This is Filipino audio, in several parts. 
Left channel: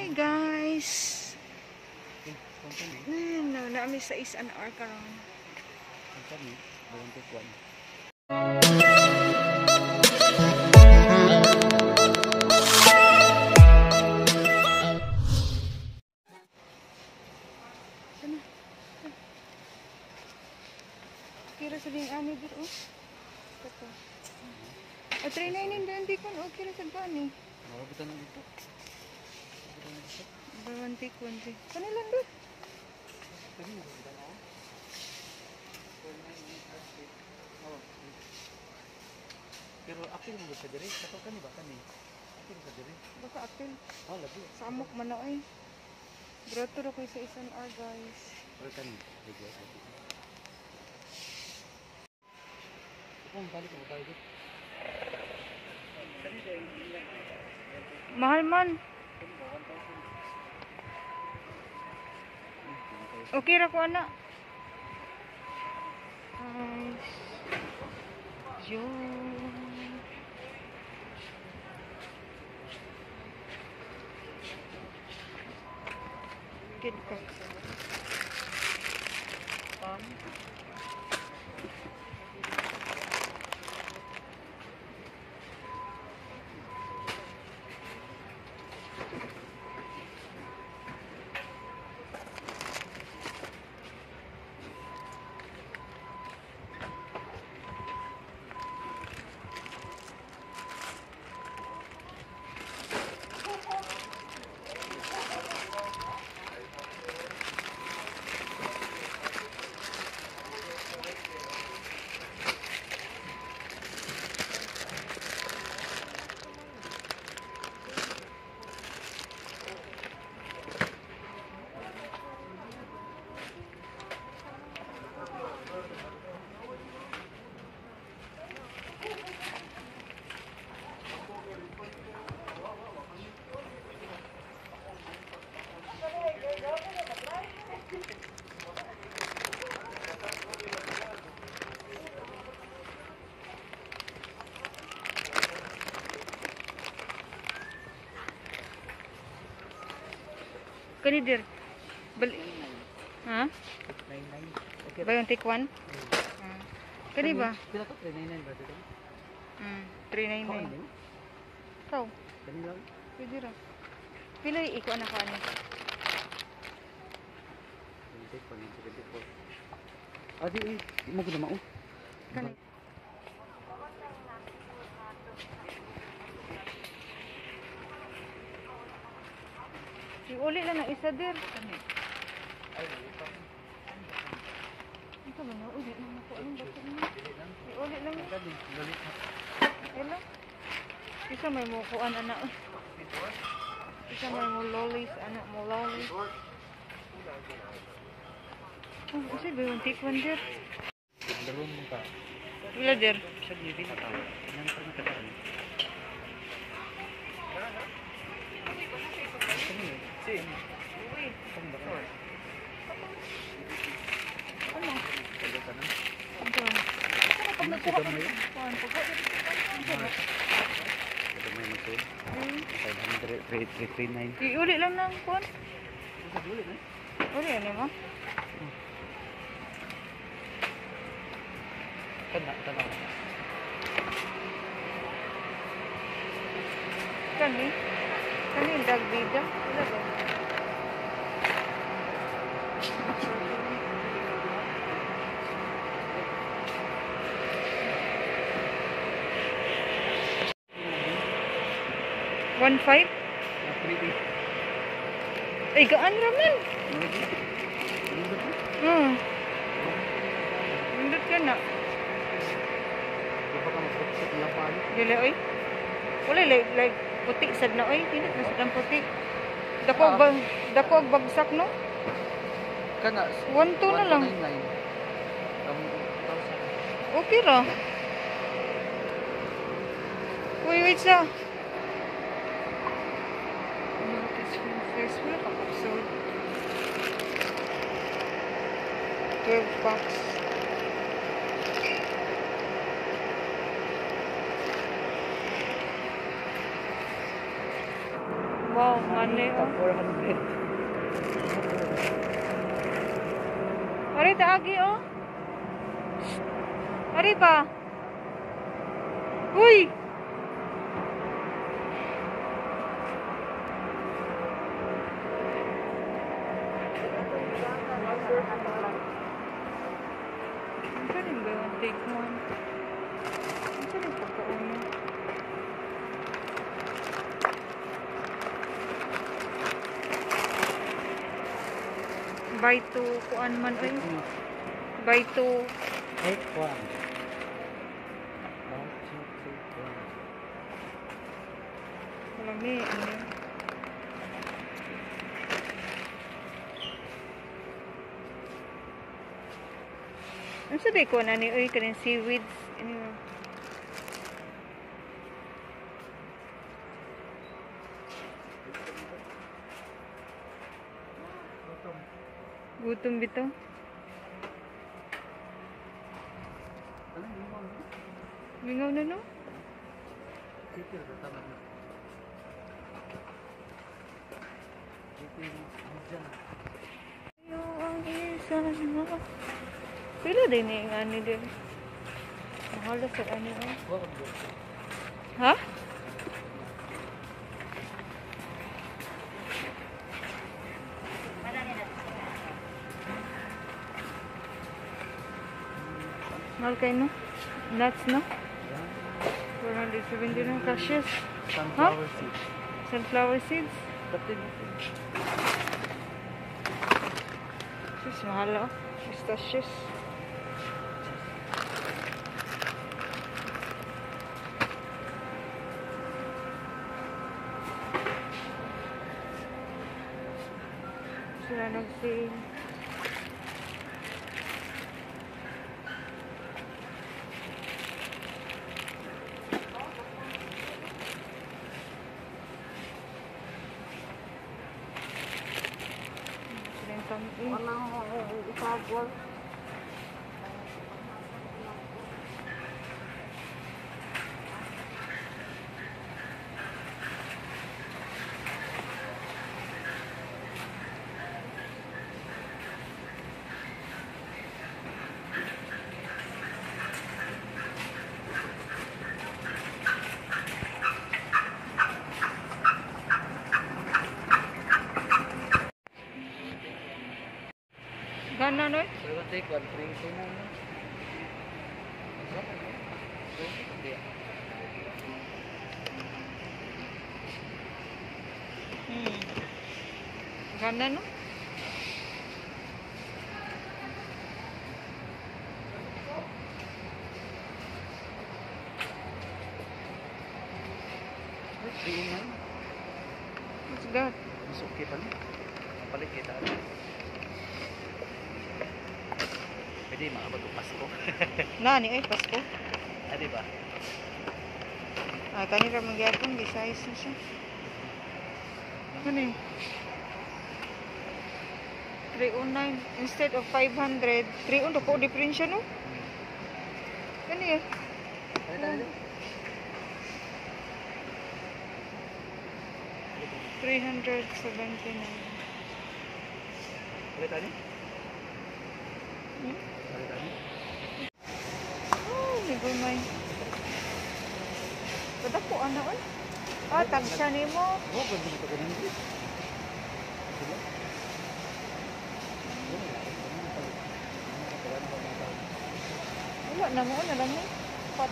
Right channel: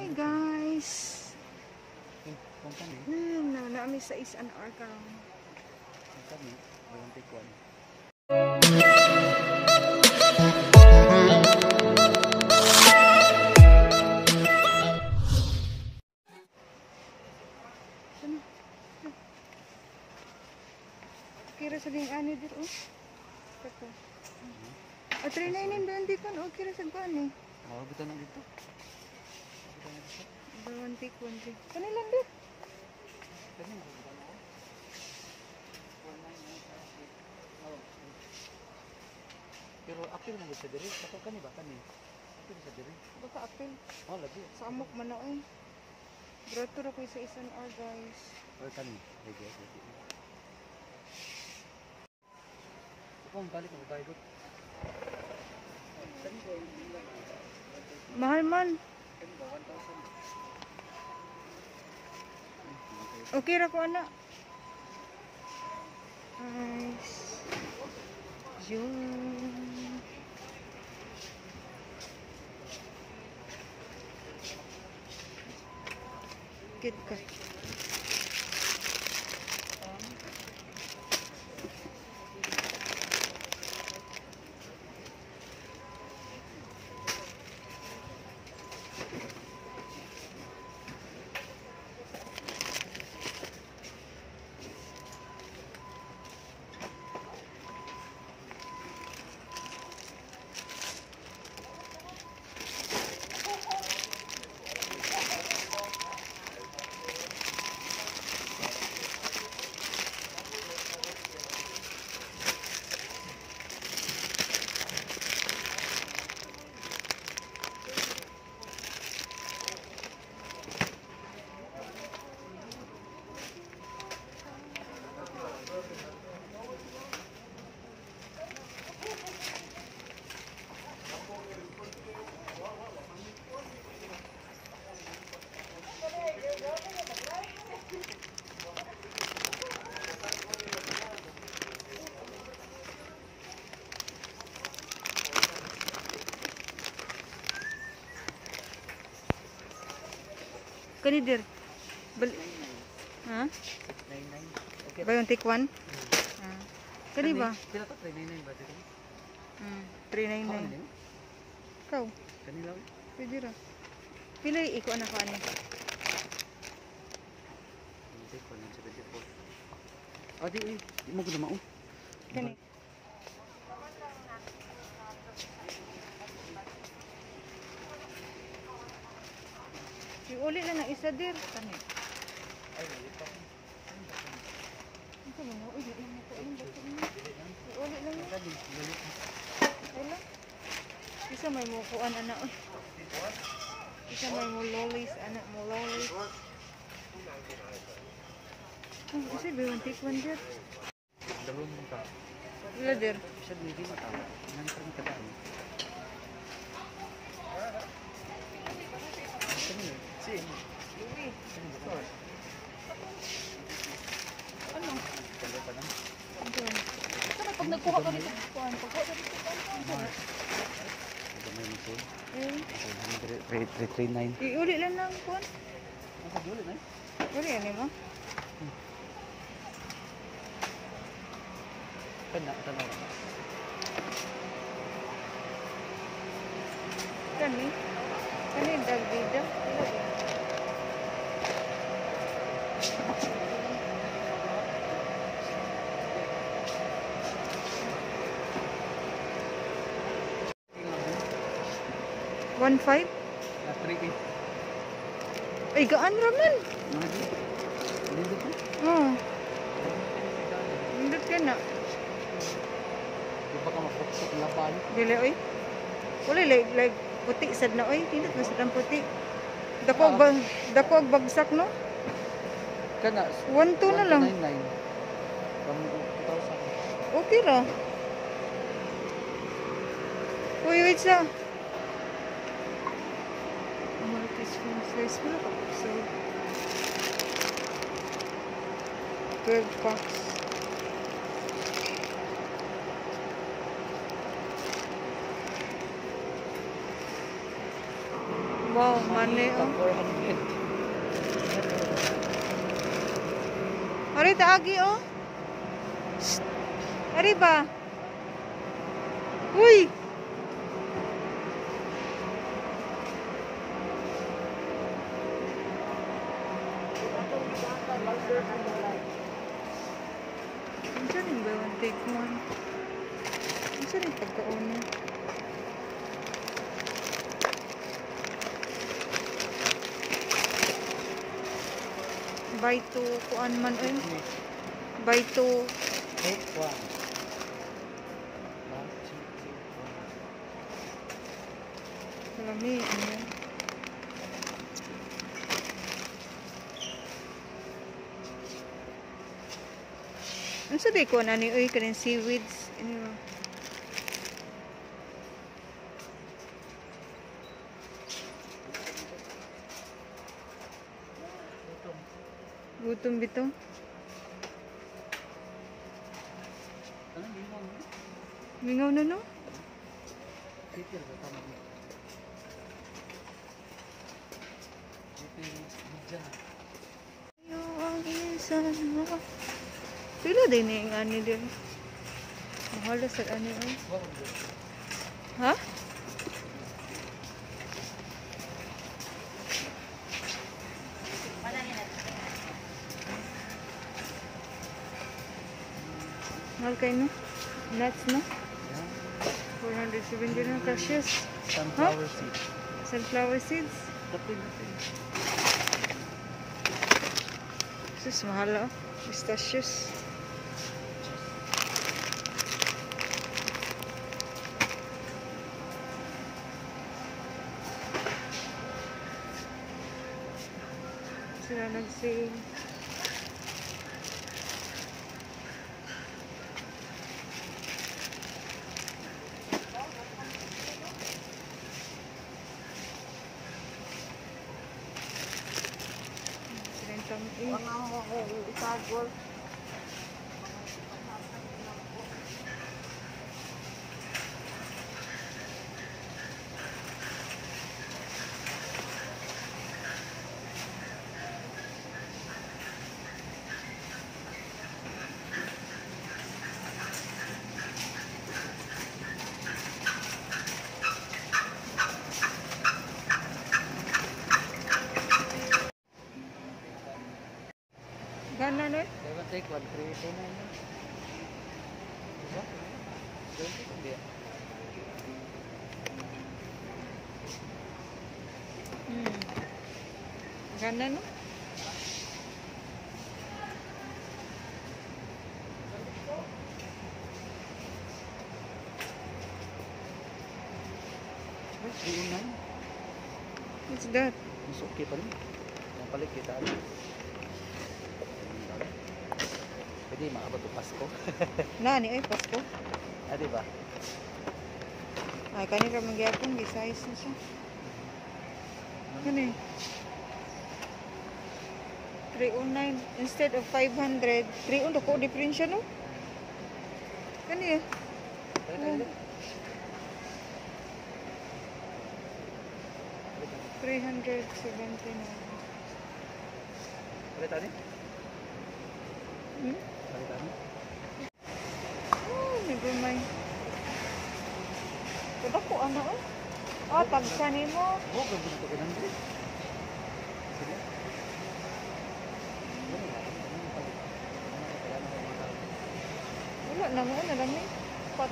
Hi guys. Naami sa SNR karon. Kira sa ding ani dir Kato. O 399 ba hindi kon kira sa ani. Oh, bitaw na dito. Kunti. Kanilan ba? Pero apil mo sa diri, kato kani ba kani? Apil sa diri. Baka apil. Oh, lagi. Sa amok man na ay. Grato ra kay sa SNR guys. Pero kani, lagi. Kung balik mo tayo dito. Mahal man. Okay ra ko ana. Kid ka. Kani dir. Ha? 99. Okay. Ba yung take one? Kani ba? Sila to 399 ba dito? 399. Kau? Kani lang. Pwede ra. Pila iko anak ka ni? Take 174. Adi mo ko na mao. Kani. Uli lang ng isa dir. Kani. Ito ba na? Uli lang ako. Anong bakit mo? Uli lang na. Ula. Isa may mukuan anak. Isa may mo lollies anak mo lollies. Oh, kasi ba yung take one dir? Dalawang mo ka. Pila dir? Siya hindi na tao. Nang pa na tagaan. Si. Uy. Ano? Ito. Ano pag nagkuha ka ng kuhaan? Iuli lang ng kuhaan? Uli ano mo? Tanaw. Kani yung dog video? Wala ba? $1.5? Ay, gaan ramen. Nindot ka na. Di ba ka mapukso ng lapan? Dila, oy. Wala, like, puti, sad na, oy. Hindi ko sadang puti. Dako og bagsak, no? Kana, 1.2 na lang. 1,299. Okay ra. Uy, wait sa. Notice from face. Wala ka absorb. 12 bucks. Wow, money oh. 400. Ari taagi oh. Shh. Ari ba? Uy! Ang saan ba yung take mo? Ang saan yung pagkauna? Buy to kuan man eh. Buy to Take one. 1, 2, 3, 4. Lami, ano yan? Ang sabi ko na ni uy kanin seaweeds. Ano yun? Gutom bitaw. Ano yung mga ano? Mingaw na no? Titil ba? Tama dito. Titil dyan. Yung isa na. Pili din yung ano din. Mahala sa ano oh. Ha? Mahal kayo no? Nuts no? 470 na cashews. Sunflower seed. Sunflower seeds. Kapin natin. Sus, mahal oh. Pistachios. Sila nag-sale. Sila yung tamis. Itagwal. Gana no? I will take 1, 3, 2, 9. Gana no? What's that? Mas okay pa no? Balik kita. Pwede makabot ang Pasko. Nani ay Pasko. Ah, di ba? Ah, kani ka magyapon di size na siya. Ano yun? 309 instead of 500. 309 ko difference siya no? Ano yun? Tali. 379. Tali. Hmm? Tali. Oh, never mind. Kada po ano eh? Ah, tagsa ni mo. Oh, ganda ito ko nang dito. Sila? Wala na mo na lang eh. Pot.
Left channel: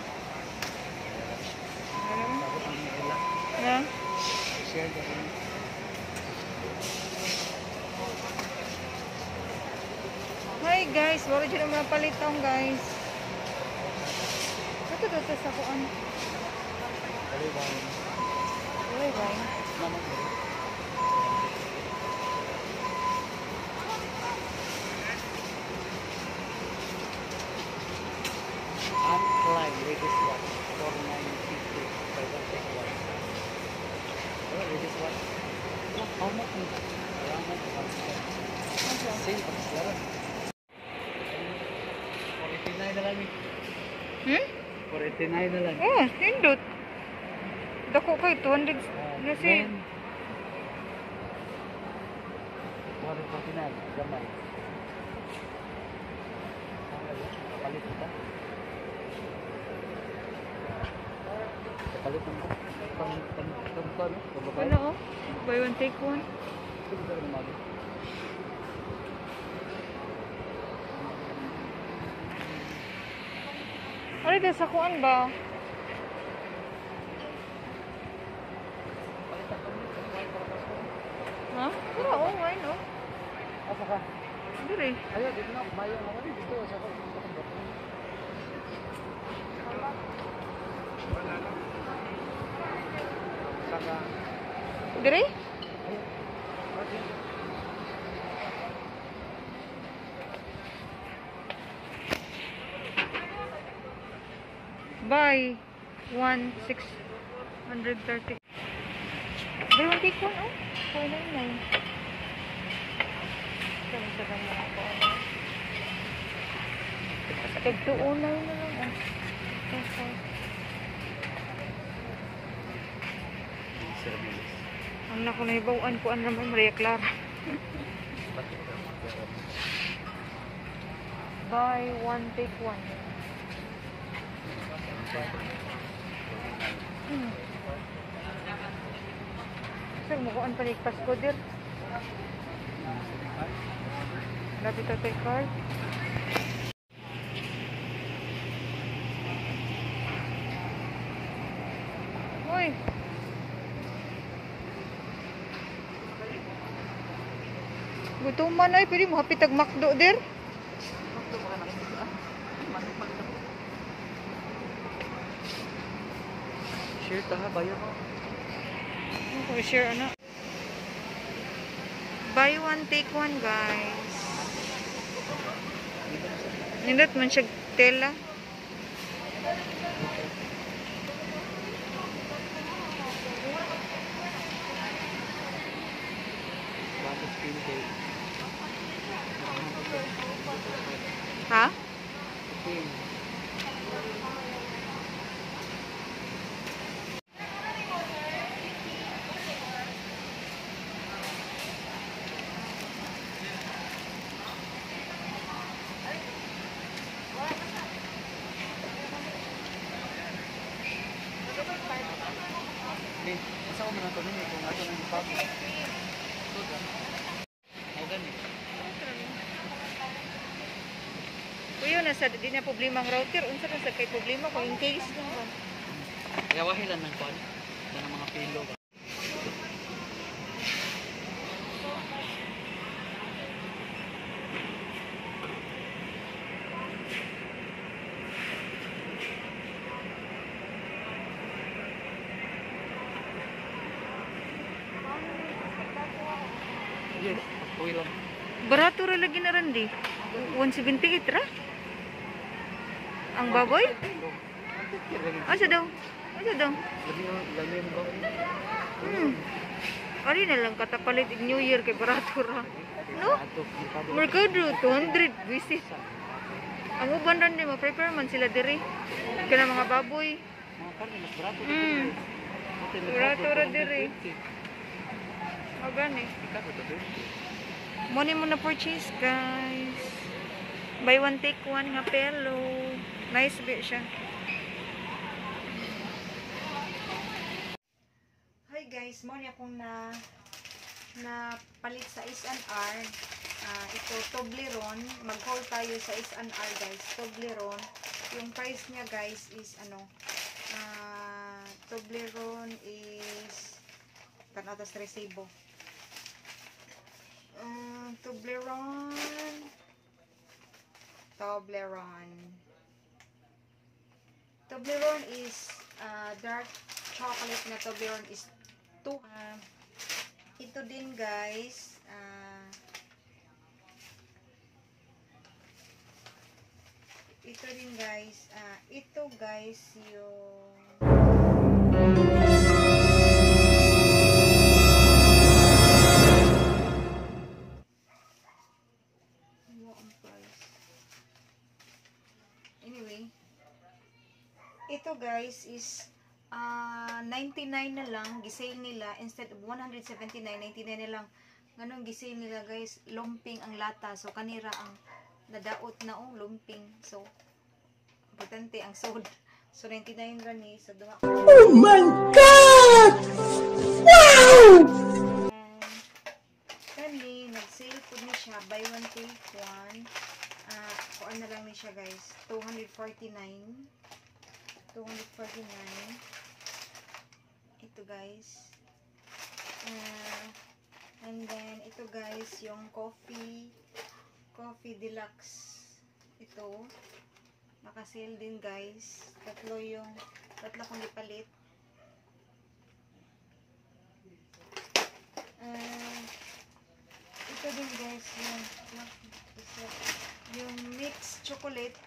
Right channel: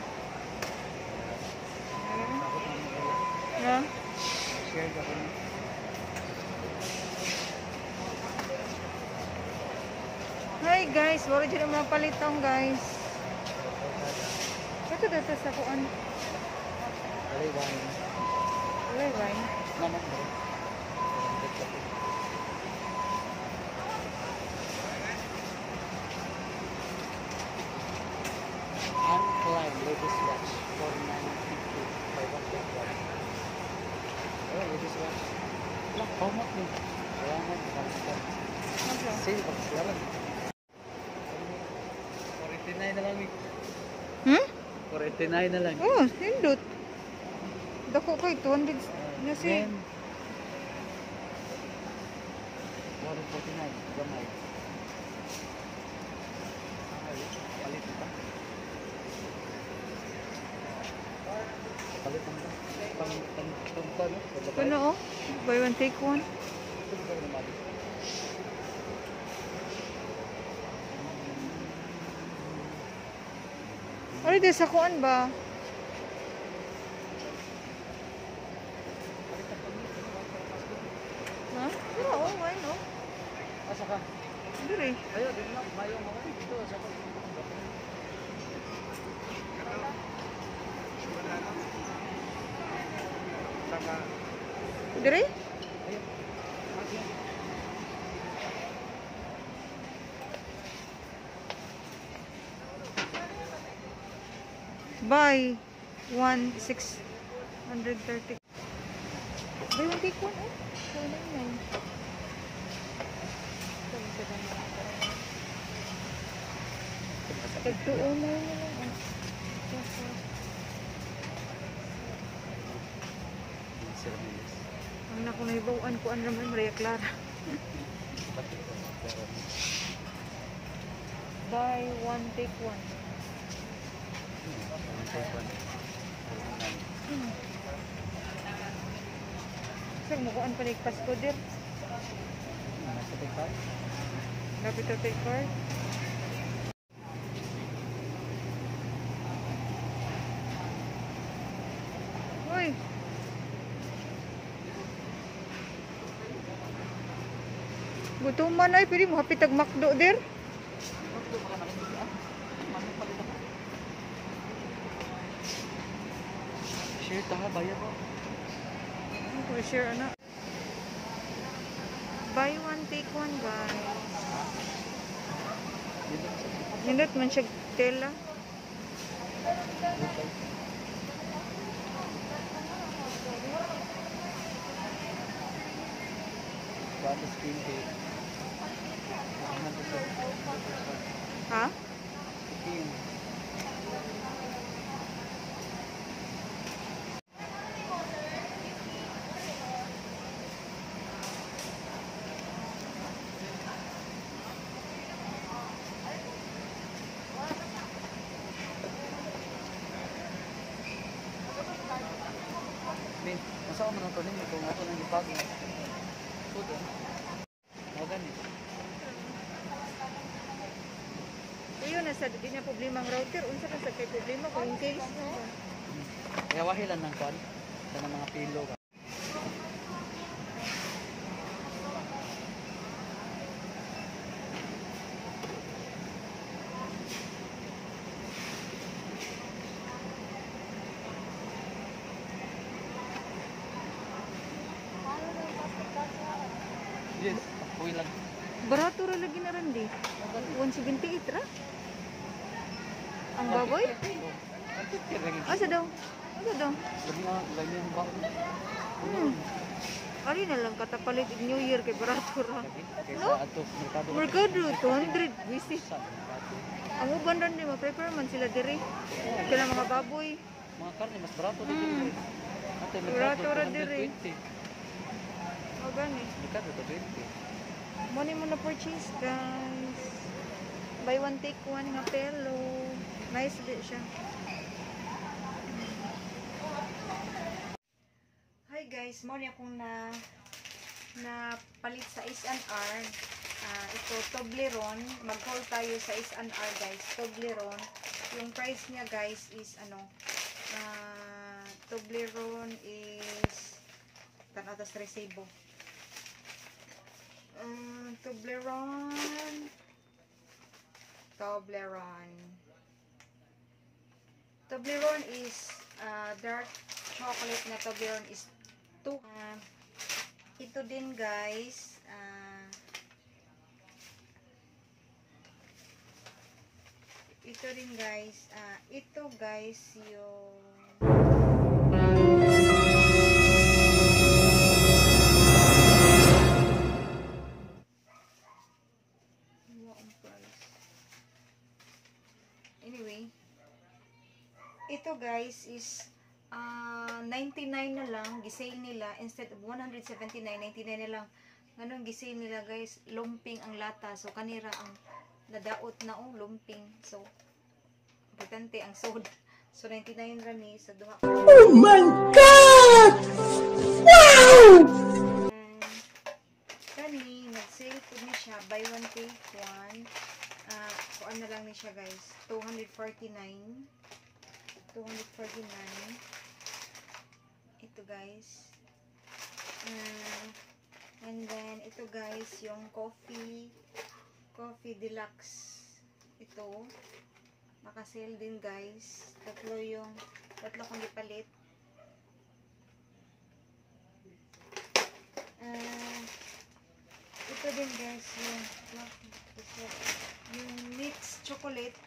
Ano? Na? Share ka kung Hi guys, wala dyan ang mga palitong guys. Ito dito sa kuan. kaliwang Wala right? naman mo rin. Uncline ladies watch 4950 by one take one. Oh, ladies watch. Lah, how much mo? Kailangan ko kalimutan. Asa? Sale at silaran. 489 na lang eh. Hmm? 489 na lang. Oh, hindot. Dako kay 200 na si. 249. Gamay. Kapalit ito. Kapalit ito. Pang-tungka, no? Sa babae. Ano oh? Buy one take one. Ito ba naman? Ay, di sa kuan ba? Palitan ka nito. Ha? Wala oh, why no? Asa ka? Dire. Ayaw, dito na. Mayang ako. Dito. Asa ka? Saka. Dire? Ayaw. Okay. Buy 1,630. Buy one take one oh. 499. Kami sa damo ako. Tag-209 na lang oh. Sir Milis. Ang naku na ibawaan ko ang naman Maria Clara. Bakit ka? Buy one take one. Sir, mukuan pa ni Pasko dir. Lapit na tayo card. Uy! Gutuman ay, pwede mo hapitag makdo dir. Share ka na, bayar mo. Ano ko share ana? Buy one take one guys. Nindot man siya tela. Tapos pinto. Ha? Pin. Masa ko ginagawa niyo kung nato nang ipago. Magani. Kuya na sa di na problema ang router, unsa na sa kay problema ko in case na ba. Kaya wahilan ng kwan. Ng mga pilo. Yes, uwi lang. Barato ra lagi na ran di. 178 ra. Ang baboy? Asa daw? Asa daw? Labi na, labi yung baboy. Ari na lang katapalit ig New Year kay barato ra. No? Ato, merkado. Mercado 200 visit. Ang uban ran di ma-prepare man sila diri. Kana mga baboy. Mga karne, mas barato. Barato ra diri. O gani. Merkado, 20. Money mo na purchase guys. Buy one take one nga pelo. Nice bit siya. Hi guys, mo ni akong na palit sa S&R. Ito Toblerone. Mag-haul tayo sa S&R guys. Toblerone. Yung price niya guys is ano, Toblerone is tanatas resibo. Toblerone is dark chocolate na Toblerone is 2. Ito din guys, ito guys yung anyway, ito guys is 99 na lang, gisale nila instead of 179, 99 na lang. Nganong gisil nila guys, lumping ang lata. So kanira ang nadaot na lumping. So importante ang sold. So 99 ra ni sa duha. Oh my God! Wow! And kani nag-sale po ni siya buy one take one. Kuan na lang ni siya guys, 249. 249. Ito guys. And then ito guys yung coffee deluxe. Ito naka-sale din guys. Tatlo kong ipalit. Ito din guys yung mixed chocolate.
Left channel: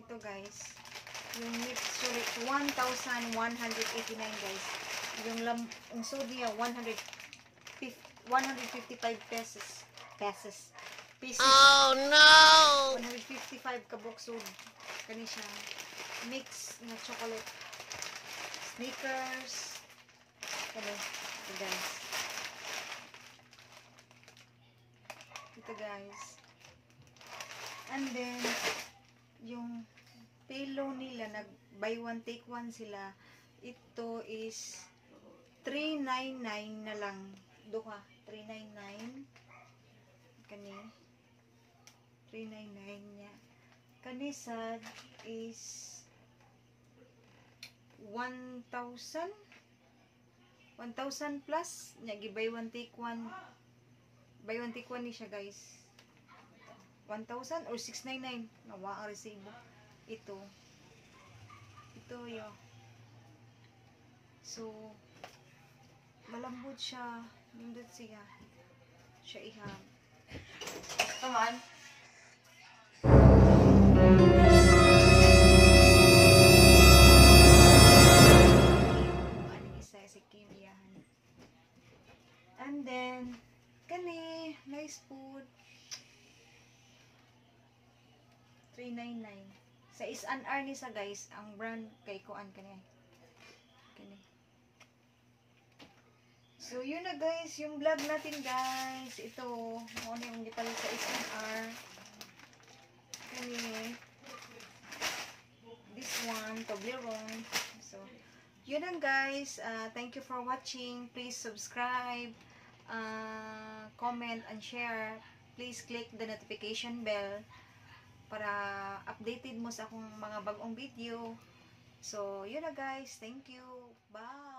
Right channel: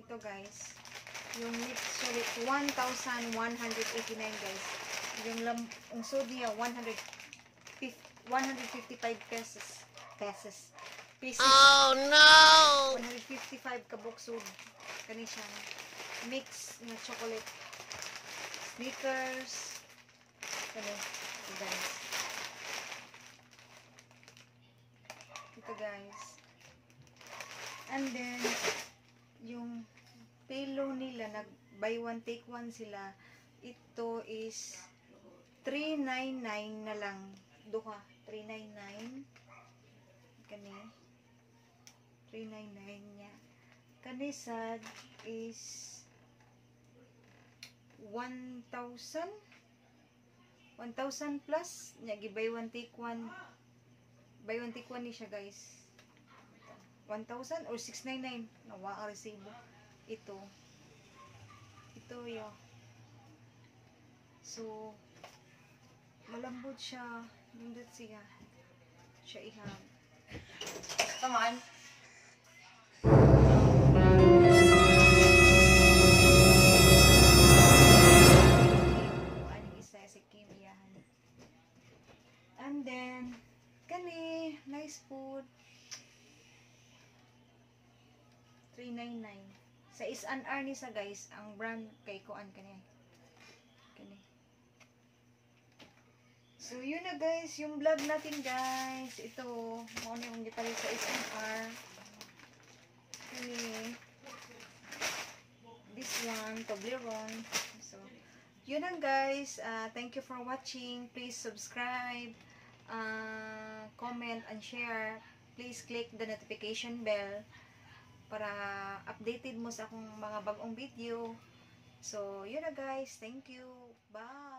Ito guys yung mixed chocolate 1,189 guys. Yung sod niya 155 pesos. Oh no! 155 kabok sud. Kani siya mix na chocolate. Snickers. Kani ito guys. Ito guys. And then yung pillow nila nag buy one take one sila. Ito is 399 na lang. Duha 399. Kani 399 niya. Kani sad is 1,000 plus nya gi buy one take one ni siya guys. 1,000 or 699 nawa ang resibo. Ito yo. So malambot siya, nindot siya ihang. Come on. And then kani nice food 399 sa is-an-ar ni sa guys. Ang brand kay kuan kani. So yun na guys yung vlog natin guys. Ito mo na yung gipalit sa is-an-ar. Kani this one Toblerone. So yun lang guys. Thank you for watching. Please subscribe, comment and share. Please click the notification bell para updated mo sa akong mga bagong video. So yun na guys. Thank you. Bye.